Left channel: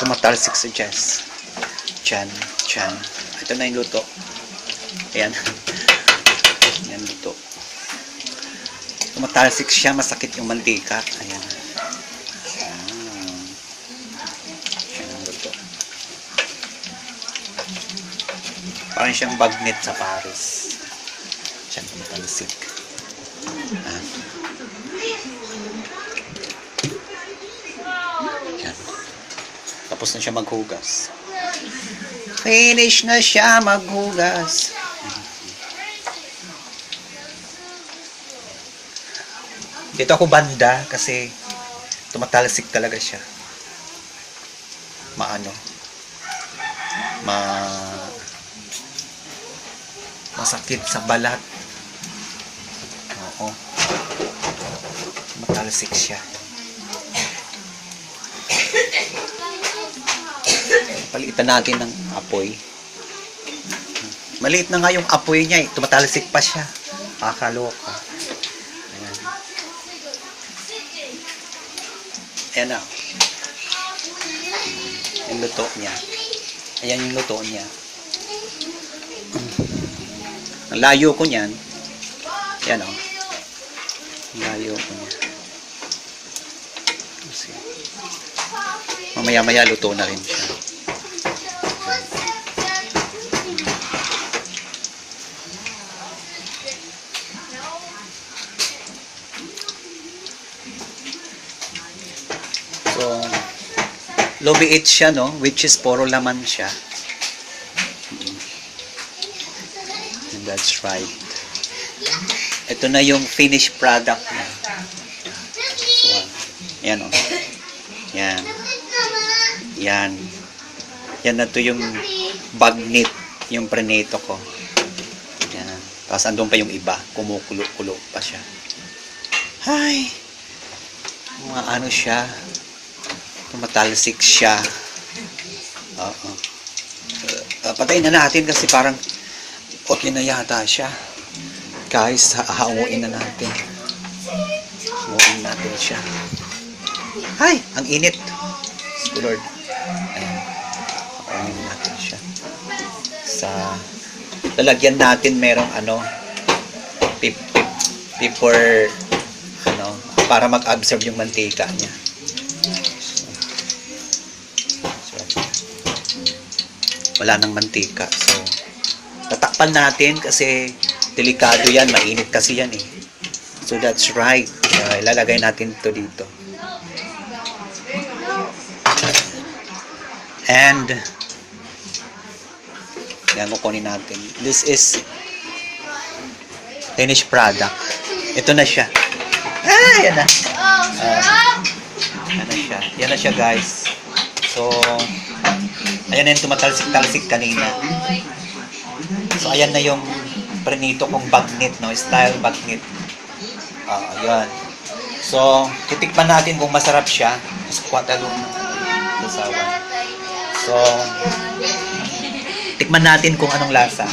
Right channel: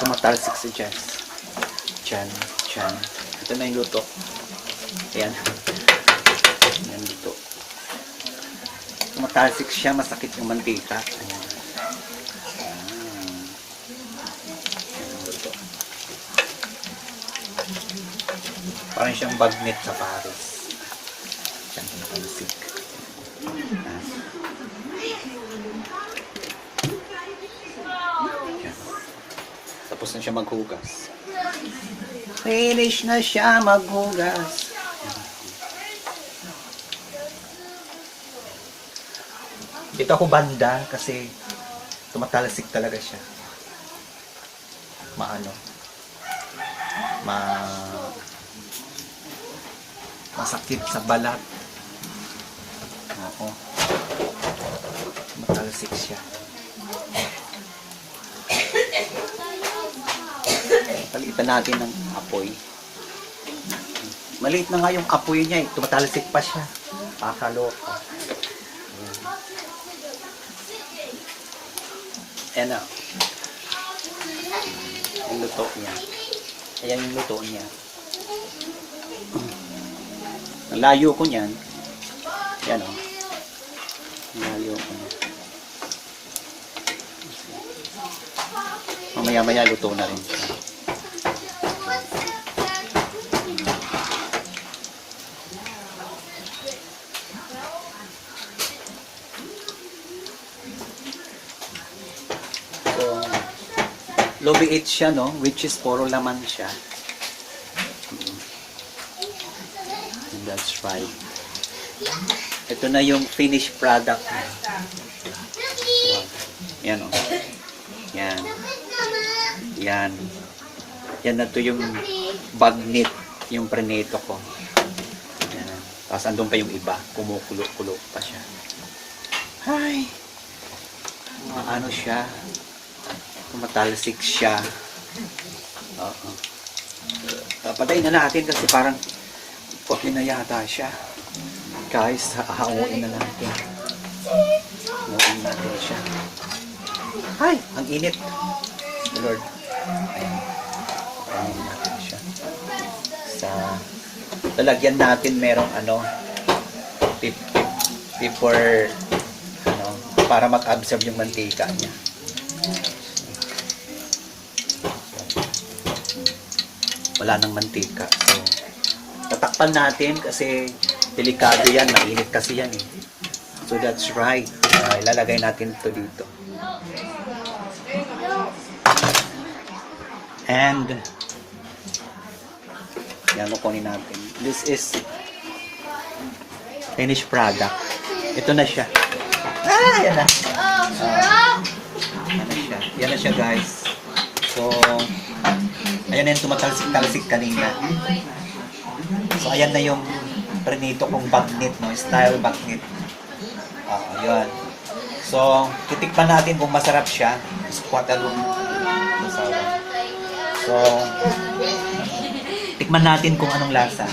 tumatalsik sa Jess. Chan. Ito na yung luto. Ayan. Ayan luto. Tumatalsik siya, masakit yung mantika. Ayan. Ayan luto. Parang siyang bagnet sa Paris. Siyang tumatalsik. Ayan. Ayan. Tapos na siya maghugas. Finish na siya maghugas. Dito ako banda kasi tumatalsik talaga siya. Masakit sa balat. Oo. Tumatalsik siya. Palitan natin ng apoy. Maliit na nga yung apoy niya eh. Tumatalsik pa siya. Kakaloka. Ayan. Ayan na. Yung luto niya. Ayan yung luto niya. Ang layo ko niyan. Ayan o. Ang layo ko niya. Mamaya-maya luto na rin siya. So, lobiit siya, no? Which is puro laman siya. And that's right. Ito na yung finished product niya. Yan, oh. Yan. Yan. Yan na to yung bagnet, yung preneto ko. Yan. Tapos andun pa yung iba. Kumukulo-kulo pa siya. Ay! Ano siya? Tumatalsik siya. Oo. Patayin na natin kasi parang okay na yata siya. Guys, hahamuin na natin. Hamuin natin siya. Ay! Ang init. Lord. Ayan. Hamuin natin siya. Lalagyan natin merong paper para mag-absorb yung mantika niya. Wala nang mantika. So, tatakpan natin kasi delikado yan. Mainit kasi yan eh. So, that's right. Ilalagay natin ito dito. And, yan, kukunin natin. This is finished product. Ito na siya. Yan na. Yan na siya. Yan na siya, guys. So, ayan na yung tumatalsik-talsik kanina. So, ayan na yung prenito kong bagnet, no? Style bagnet. Ayan. So, titikpan natin kung masarap siya. So, tikman natin kung anong lasa.